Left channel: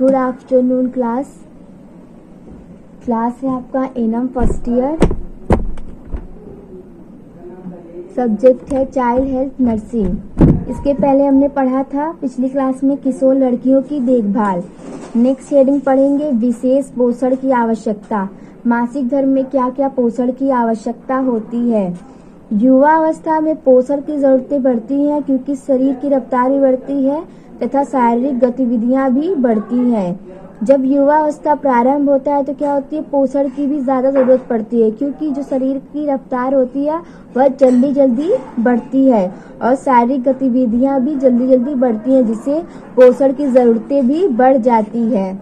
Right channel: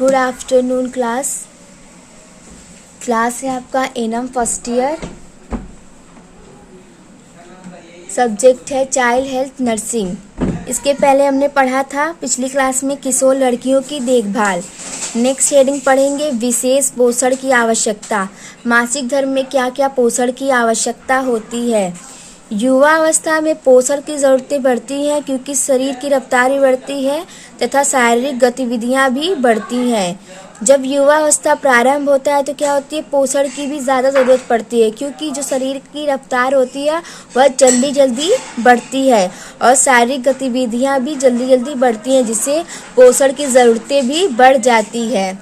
Good afternoon class है आपका annum first year. Subject है चाइल्ड हेल्थ नर्सिंग। इसके पहले हमने पढ़ा था पिछली क्लास में किशोर लड़कियों की देखभाल। नेक्स्ट हेडिंग पढ़ेंगे विशेष पोषण की आवश्यकता। मासिक धर्म में क्या क्या पोषण की आवश्यकता होती है। युवा अवस्था में पोषण की ज़रूरतें बढ़ती हैं क्योंकि शरीर की रफ्तार भी बढ़ती है तथा शारीरिक गतिविधियां भी बढ़ती हैं। जब युवा अवस्था प्रारंभ होता है तो क्या होती है, पोषण की भी ज़्यादा ज़रूरत पड़ती है क्योंकि जो शरीर की रफ्तार होती है वह जल्दी जल्दी बढ़ती है और शारीरिक गतिविधियां भी जल्दी जल्दी बढ़ती हैं, जिससे पोषण की ज़रूरतें भी बढ़ जाती है।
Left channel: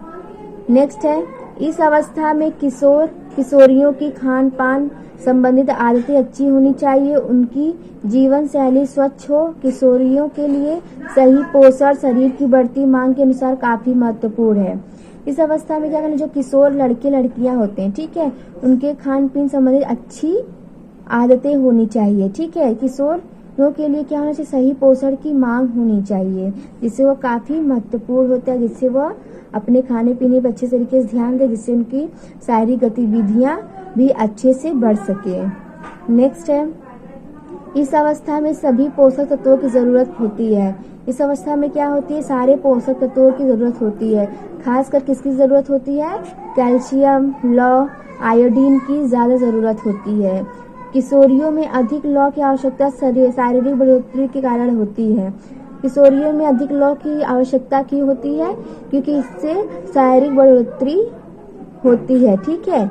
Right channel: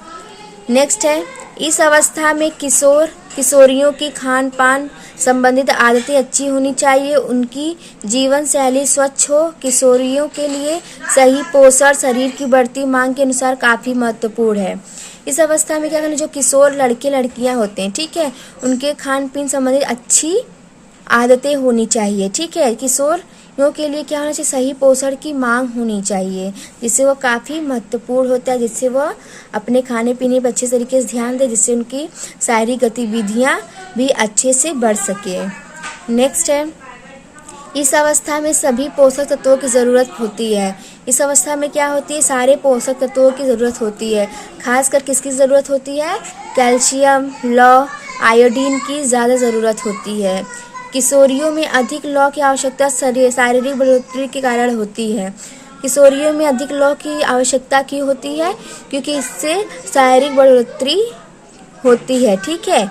नेक्स्ट है, इस अवस्था में किशोरियों की खान पान संबंधित आदतें अच्छी होनी चाहिए, उनकी जीवन शैली स्वच्छ हो। किशोरियों के लिए सही पोषण शरीर की बढ़ती मांग के अनुसार काफ़ी महत्वपूर्ण है। इस अवस्था में क्या करना, जो किशोर लड़के लड़कियां होते हैं, ठीक है, उनके खान पीन संबंधित अच्छी आदतें होनी चाहिए। ठीक है, किशोरियों के लिए क्या होना चाहिए, सही पोषण की मांग होनी चाहिए, जिससे वो काफ़ी महत्वपूर्ण होता है, जिससे वह अपने खाने पीने पर अच्छे तरीके से ध्यान दे, जिससे उनकी शारीरिक गतिविधियाँ भी अच्छे से बढ़ सके। नेक्स्ट है, इस अवस्था में सभी पोषक तत्वों की ज़रूरत होती है। इस अवस्था में क्या होती है, सारे पोषक तत्वों की ज़रूरत होती है। खासकर किसकी ज़रूरत होती है, कैल्शियम, लौह, आयोडीन की ज़्यादा ज़रूरत होती है। किशोरियों में अधिक लौह की आवश्यकता शारीरिक बढ़ोतरी के कारण होती है। किशोरियों में अधिक लौह की आवश्यकता क्यों होती है, क्योंकि इससे शारीरिक बढ़ोतरी होती है। ठीक है,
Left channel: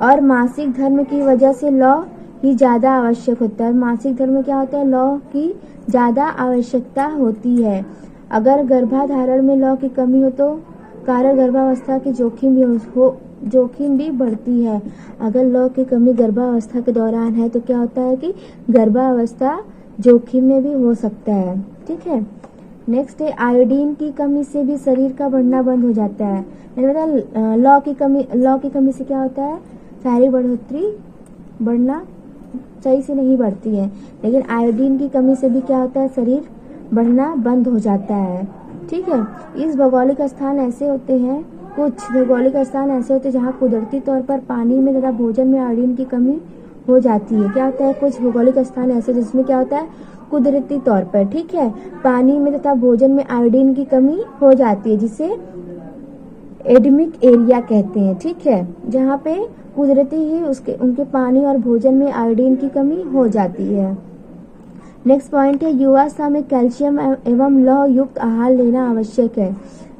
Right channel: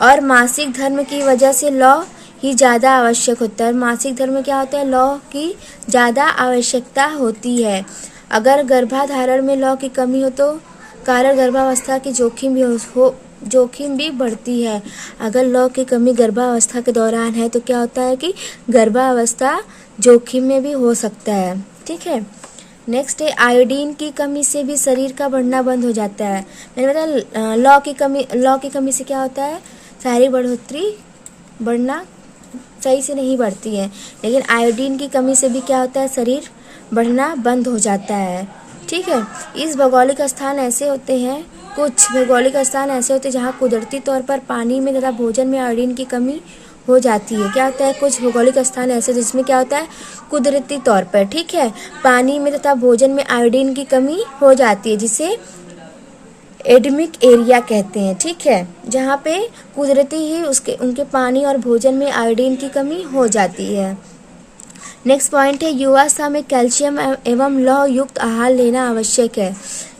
और मासिक धर्म की वजह से लौह ही ज़्यादा आवश्यक होता है। मासिक धर्म में क्या होता है, लौह की ज़्यादा आवश्यकता होती है। अगर गर्भाधारण में लौह की कमी हो तो कारण गर्भावस्था की जोखिम भी बढ़ती है। अगर लौह की कमी गर्भावस्था के दौरान है तो क्या होता है कि गर्भावस्था जोखिम में भी हो सकता है। ठीक है, नेक्स्ट है, आयोडीन की कमी से भी शरीर का बढ़ना बंद हो जाता है। मैंने बताया लौह की कमी से क्या होता है, शारीरिक बढ़ोतरी बढ़ना सही से नहीं बढ़ती है, लेकिन आयोडीन की कमी से भी क्या होता है, शरीर बढ़ना बंद हो जाता है। ठीक है, कुछ भौगोलिक स्थान ऐसे होते हैं जहाँ कुदरती तौर पर पानी में तथा भोजन में आयोडीन की कमी हो जाती है। क्या होता है, कुछ भौगोलिक स्थान ऐसे जिसमें क्या होता है, कुदरती तौर पर, ठीक है, पानी में तथा भोजन में आयोडीन की कमी हो जाती है, जिसे एडमिक एरिया कहते हैं। ठीक है, जहाँ पे कुदरती ही उनके पानी और भोजन में आयोडीन की कमी हो जाती है। नेक्स्ट पॉइंट है, युवावस्था में कैल्शियम एवं लौह युक्त आहार लेना आवश्यक है।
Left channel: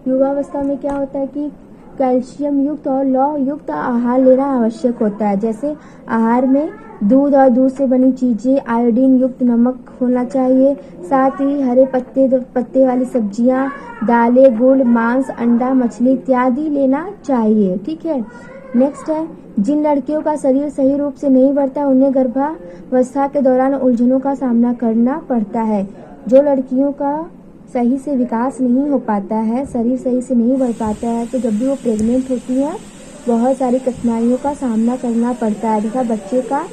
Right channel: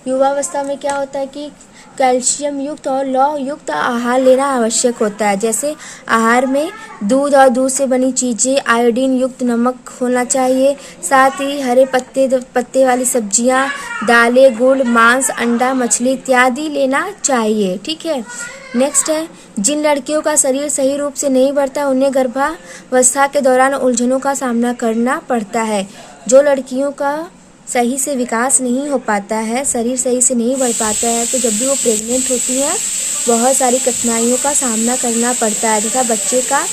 युवावस्था में क्या होता है कि कैल्शियम युक्त और लौह युक्त आहार लेना आवश्यक होता है। जैसे आहार में दूध और दूध से बनी चीज़ें, आयोडीन युक्त नमक होना चाहिए, साथ ही हरे पत्ते वाली सब्जियां, दालें, गुड़, मांस, अंडा, मछली इत्यादि लेना चाहिए। ठीक है, नेक्स्ट है, जिन लड़कियों का शरीर सही रूप से नहीं बढ़ता उन्हें गर्भावस्था के दौरान उलझनों का सामना करना पड़ता है। जो लड़कियों का सही से विकास नहीं हो पाता है, शरीर सही से नहीं बढ़ पाता है, तो जब भी वो प्रेग्नेंट होती हैं बहुत सारी कठिनाइयों का सामना करना पड़ता है, तथा बच्चे का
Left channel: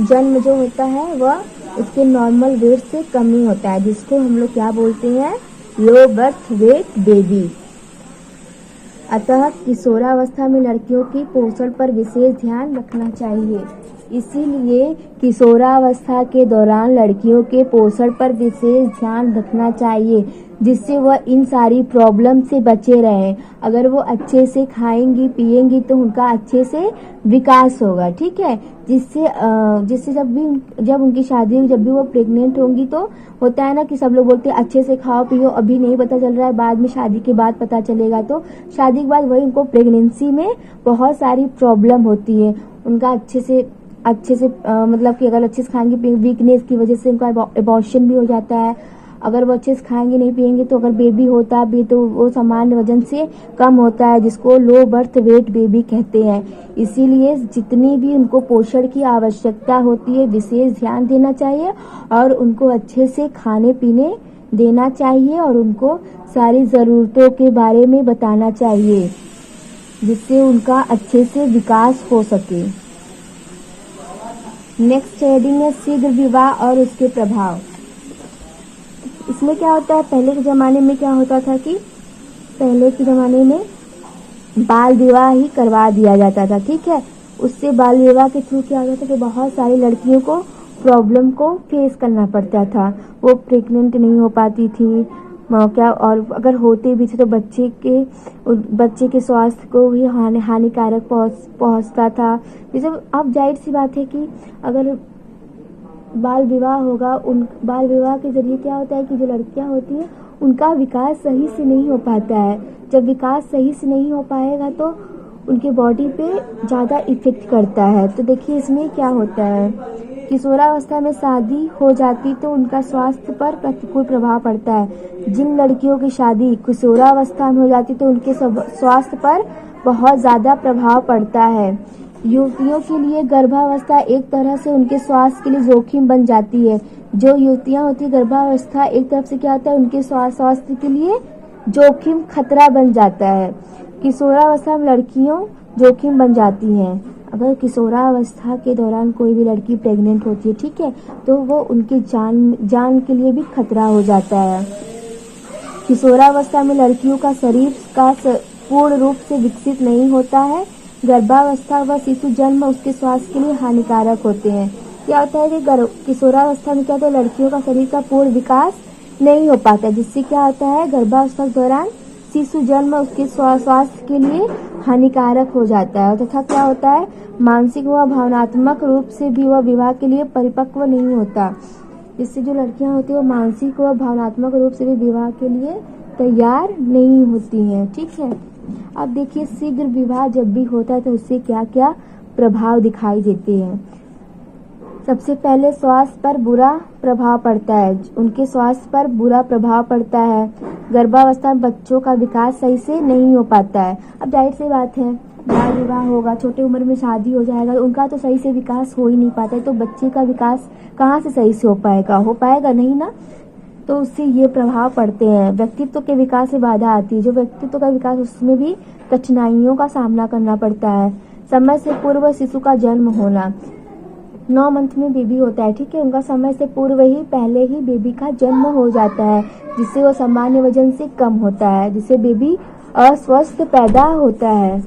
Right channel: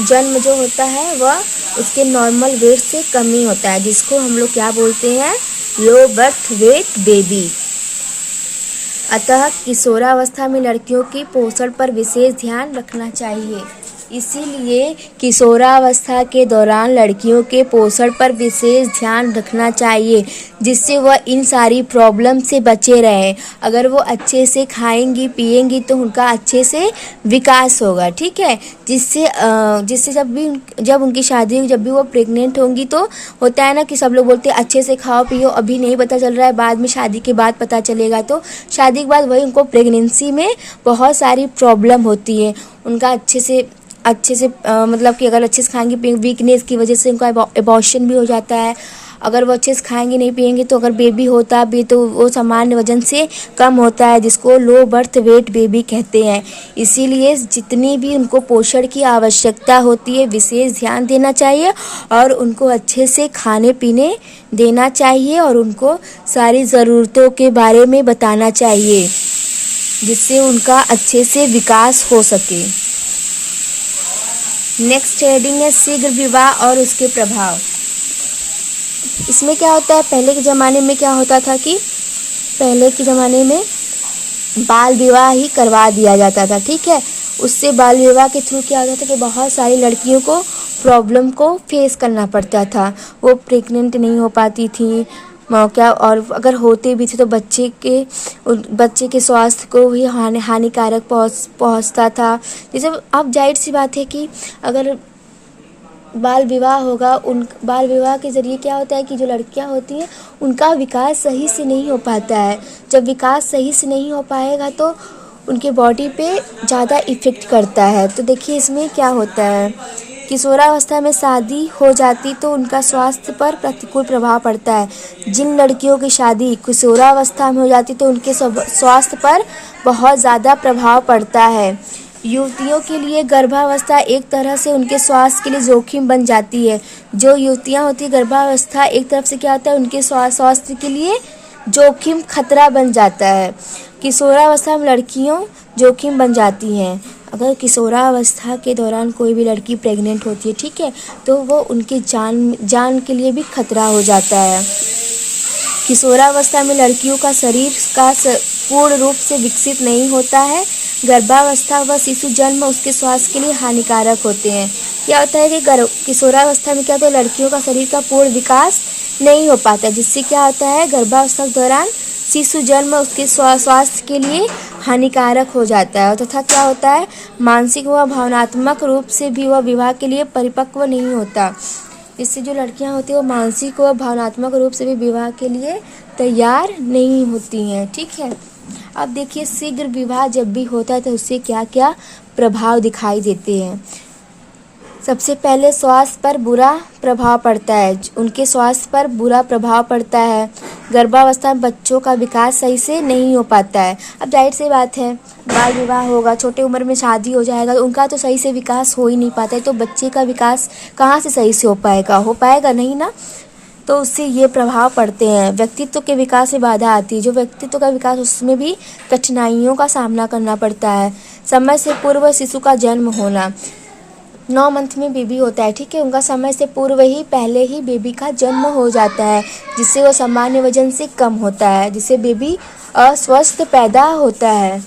जन्म जो होता है वह उसके नॉर्मल वेट से कम ही होता है, जिसको हम लोग क्या बोलते हैं, लो बर्थ वेट बेबी। अतः किशोरावस्था में लड़कियों की पोषण पर विशेष ध्यान रखना चाहिए। इसीलिए किशोरावस्था के दौरान लड़कियों के पोषण पर विशेष ध्यान रखना चाहिए, जिससे वह इन सारी प्रॉब्लम से बचे रहें। अगर वो अच्छे से खाएंगी पिएंगी तो उनका अच्छे से विकास होगा। ठीक है, जिससे जब उनकी शादी होगी, जब भी वो प्रेग्नेंट होंगी, तो होता है ना कि सब लोग बोलते हैं अच्छे से खाओ पियो, अभी नहीं पता चल रहा है, बाद में शादी के बाद पता चलेगा। तो शादी के बाद वही उनको प्रेगनेंसी में बहुत सारी प्रॉब्लम होती है। उनका अच्छे से मतलब कि अगर अच्छे से खाएंगी पिएंगी, वीकनेस की वजह से उनका एबॉर्शन भी हो जाता है। अगर वो अच्छे से खाएंगे नहीं पिएंगे तो अगर बेबी होता भी तो वो सामान्य वजन से कम होता है, जिसको लो बर्थ वेट बेबी कहते हैं। इसीलिए जितनी भी उनको पोषण की आवश्यकता होती है विशेष ध्यान देना चाहिए और उनको अच्छे से खाने पीने देना चाहिए और उनको सारी ज़रूरतों के बारे में बताना चाहिए, जिससे उनका अच्छे से विकास हो सके। नेक्स्ट हेडिंग है शीघ्र विवाह और उसके प्रभाव। इसमें क्या होता है, पहले के ज़माने में क्या होता था कि पहले के ज़माने में बाल विवाह ही करवा दिया जाता था। ठीक है, उससे बाल विवाह के थ्रू क्या होता था कि बहुत सारी लड़कियों को प्रॉब्लम को फेस करना पड़ता था। वो प्रेग्नेंट नहीं हो पाती थी मौका, और अगर होते भी थे तो बच्चे के स्वास्थ्य को भी हानिकारक पहुंचता था। जैसे अब जाहिर सी बात है कि अगर बाल विवाह होगा, उन बाल विवाह के ज़रिए क्या होता है कि जो लड़कियां होती हैं उनका विकास सही से नहीं हो पाता है। जब विकास सही से नहीं हो पाएगा तो उनके बॉडी पे ज़्यादा इफ़ेक्ट करता है। तो देखिए इसमें क्या होता है, किशोरावस्था में शादी हो जाती तो उनका स्वास्थ्य पर प्रतिकूल प्रभाव पड़ता है। जिन लड़कियों की शादी किशोरावस्था में हो जाती तो उनके स्वास्थ्य पर बहुत ज़्यादा प्रभाव पड़ता है। युवतियों के लिए गर्भावस्था एक तरह से उनके स्वास्थ्य के लिए जोखिम बन जाती है। जो युवतियां होती है गर्भावस्था एक तरफ से क्या होता है, उनके स्वास्थ्य के लिए जोखिम खतरा बन जाता है। किशोरावस्था में लड़कियों जोखिम बन जाती हैं। अगर किशोरावस्था के दौरान कोई भी लड़की प्रेग्नेंट होती है, ठीक है, तो वो उनकी जान के लिए भी खतरा हो जाता है। किशोरावस्था में लड़कियों का शरीर का पूर्ण रूप से विकसित नहीं होता है। गर्भावस्था व शिशु जन्म उसके स्वास्थ्य के लिए हानिकारक होते हैं। क्या होता है कि किशोरावस्था में क्या होता है, लड़कियों का शरीर का पूर्ण विकास नहीं हो पाता, जिससे क्या होता है गर्भावस्था के दौरान शिशु जन्म उसके स्वास्थ्य के लिए हानिकारक हो जाता है। तथा क्या होता है, मानसिक व भावनात्मक रूप से भी वह विवाह के लिए परिपक्व नहीं होता। जिससे जो लड़कियां होती हैं वो मानसिक व भावनात्मक रूप से भी विवाह के लिए तैयार नहीं होती हैं। ठीक है, अब देखिए शीघ्र विवाह जब भी होता है तो उससे क्या क्या प्रभाव दिखाई देते हैं। सबसे पहले स्वास्थ्य पर बुरा प्रभाव पड़ता है, उनके स्वास्थ्य पर बुरा प्रभाव पड़ता है। गर्भावस्था में बच्चों का विकास सही से नहीं हो पाता है। अब जाहिर सी बात है, बाल विवाह होगा, छोटे उम्र में शादी हो जाएगा तो उनका तो सही से विकास हो ही नहीं पाता है, तो बच्चे का विकास कहाँ से सही से हो पाएगा नहीं ना। तो उससे ये प्रभाव पड़ते हैं। व्यक्तित्व के विकास में बाधा आती है, जो व्यक्तित्व का विकास उसमें भी कठिनाइयों का सामना करना पड़ता है। समय से पूर्व शिशु का जन्म होना, 9 मंथ में बेबी होता है, ठीक है, उनका समय से पूर्व ही पहले ही बेबी का जन्म हो जाता है, जिससे वो सामान्य वजन से कम होता है, जिससे बेबी अस्वस्थ पैदा होता है।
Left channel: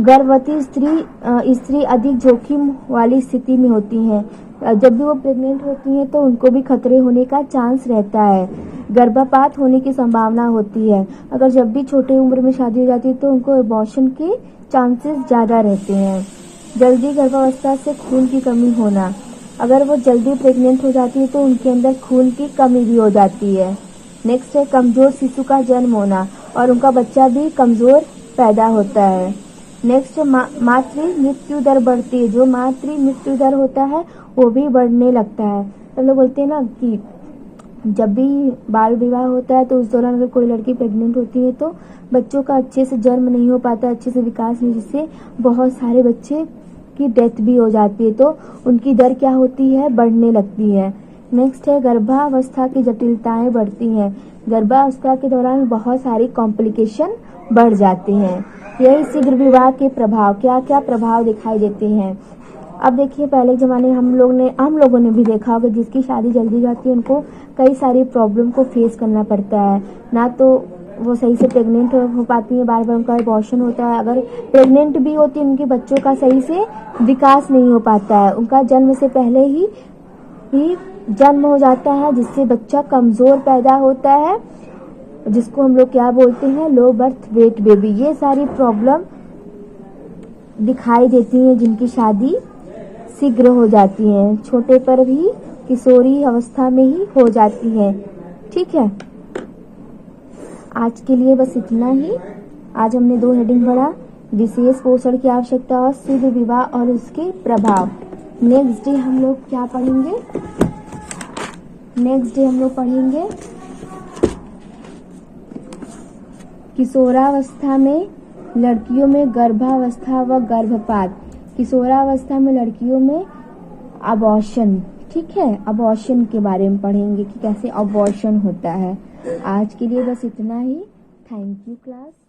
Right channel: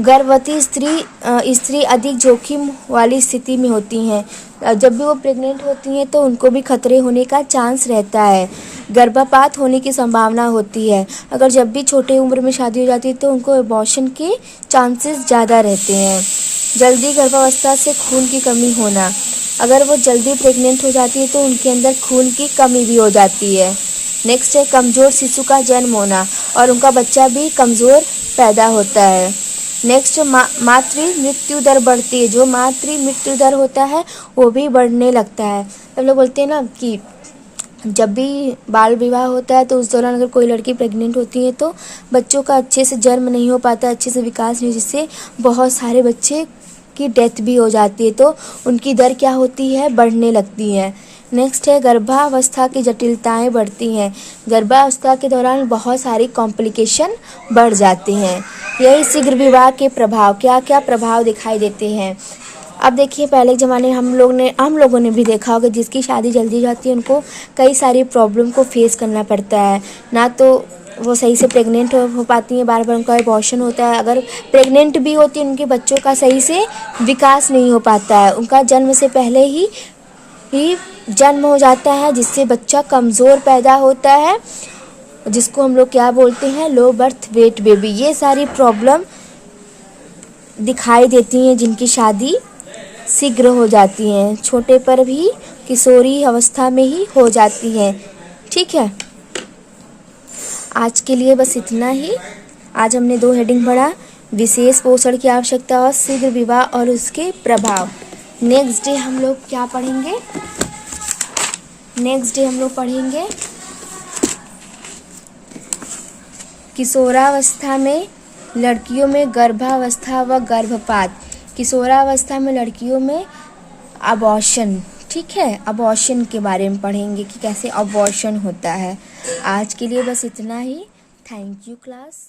गर्भवती स्त्री अधिक जोखिम वाली स्थिति में होती हैं। जब भी वो प्रेग्नेंट होती हैं तो उनको भी खतरे होने का चांस रहता है। गर्भपात होने की संभावना होती है। अगर जब भी छोटे उम्र में शादी हो जाती है तो उनको अबॉर्शन के चांसेस ज़्यादा रहते हैं। जल्दी गर्भावस्था से खून की कमी होना, अगर वो जल्दी प्रेग्नेंट हो जाती है तो उनके अंदर खून की कमी भी हो जाती है। नेक्स्ट है कमज़ोर शिशु का जन्म होना और उनका बच्चा भी कमज़ोर पैदा होता है। नेक्स्ट मातृ मृत्यु दर बढ़ती है, जो मातृ मृत्यु दर होता है वो भी बढ़ने लगता है। हम लोग बोलते हैं ना कि जब भी बाल विवाह होता है तो उस दौरान अगर कोई लड़की प्रेग्नेंट होती है तो बच्चों का अच्छे से जन्म नहीं हो पाता, अच्छे से विकास नहीं, जिससे बहुत सारे बच्चे की डेथ भी हो जाती है, तो उनकी दर क्या होती है, बढ़ने लगती है। नेक्स्ट है गर्भावस्था की जटिलताएं बढ़ती हैं। गर्भावस्था के दौरान बहुत सारी कॉम्प्लिकेशन बढ़ जाती हैं। यही शीघ्र विवाह के प्रभाव, क्या क्या प्रभाव दिखाई देते हैं। अब देखिए पहले ज़माने हम लोगों ने भी देखा होगा, जिसकी शादी जल्दी हो जाती है उनको कई सारी प्रॉब्लम को फेस करना पड़ता है। ना तो वो सही से प्रेग्नेंट हो पाती हैं, बार बार उनका अबॉर्शन होता है। अगर प्रेग्नेंट भी होती हैं उनके बच्चों का सही से विकास नहीं हो पाता है, उनका जन्म से पहले ही जन्म हो जाता है, जिससे बच्चा कमज़ोर पैदा होता है, जिसको हम लोग क्या बोलते हैं, लो बर्थ वेट बेबी। ये सारी प्रॉब्लम दिखाई देती हैं जिनकी शादी शीघ्र हो जाती हैं, छोटे पर भी किशोरी अवस्था में ही हो जाती हैं। ठीक है, आज के लिए बस इतना ही। आज हमने 2 हेडिंग पढ़ा, विशेष पोषण की आवश्यकता और शीघ्र विवाह और उसके प्रभाव। नेक्स्ट डे हम लोग क्या पढ़ेंगे, नेक्स्ट डे हम लोग पढ़ेंगे किशोरावस्था में लड़कियों में गर्भावस्था व गर्भपात, किशोरावस्था में लड़कियों में अबॉर्शन। ठीक है, अबॉर्शन के बारे में पढ़ेंगे कि कैसे अबॉर्शन होता है। आज के लिए बस इतना ही। Thank you class.